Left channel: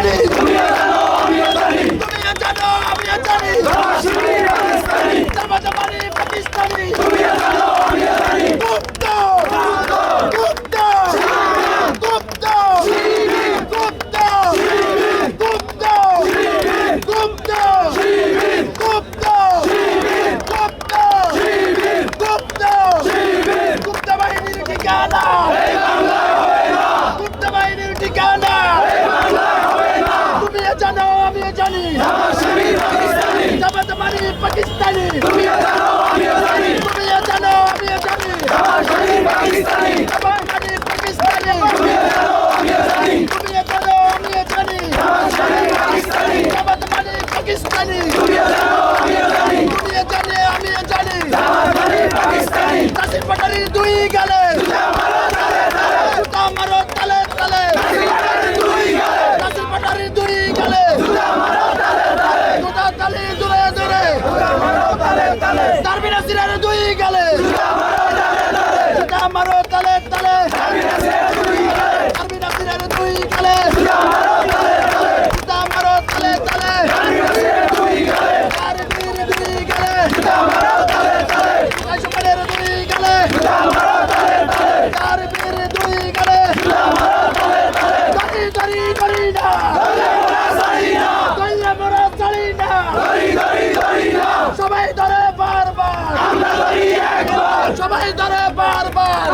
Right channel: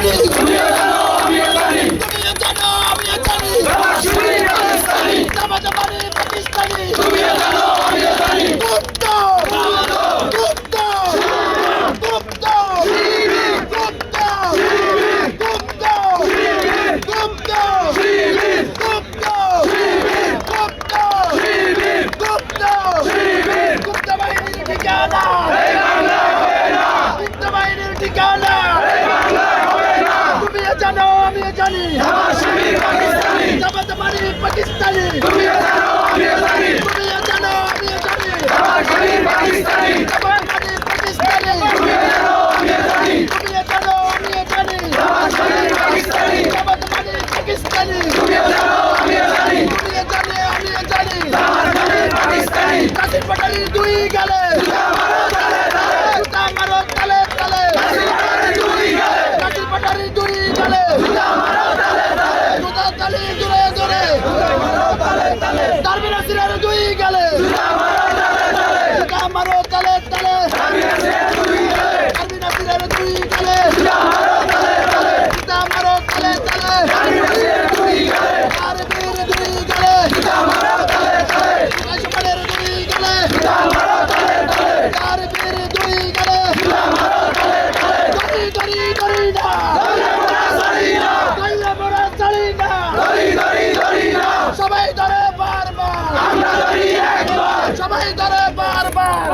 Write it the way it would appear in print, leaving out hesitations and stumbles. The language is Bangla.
জানি তুমিও জানো আমিও জানি জামাত মানে পাকিস্তানি গুপ্ত গুপ্ত গুপ্ত গুপ্ত গুপ্ত গুপ্ত গুপ্ত গুপ্ত গুপ্ত গুপ্ত বাহিনীর ঠিকানা গুপ্ত বাহিনীর ঠিকানা তুমিও জানো আমিও জানি জামাত মানে পাকিস্তানি তুমিও জানো আমিও জানি জামাত মানে পাকিস্তানি তুমিও জানো আমিও জানি জামাত মানে পাকিস্তানি তুমিও জানো আমিও জানি কাশিম পাটারির দুই গালে জুতা মারো তালে তালে কাশিম পাটারির দুই গালে জুতা তালে জোরে জোরে তারবির নাসিরের দুই গালে জুতা মারো তালে তালে তারবির নাসিরের দুই গালে জুতা মারো তালে তালে তারবির দুই গালে কাশিমের দুই গালে তারবির দুই গালে গরি গরি না দইলে মোরা চলি না সবাই ধরে বারবার সবাই ধরে বারবার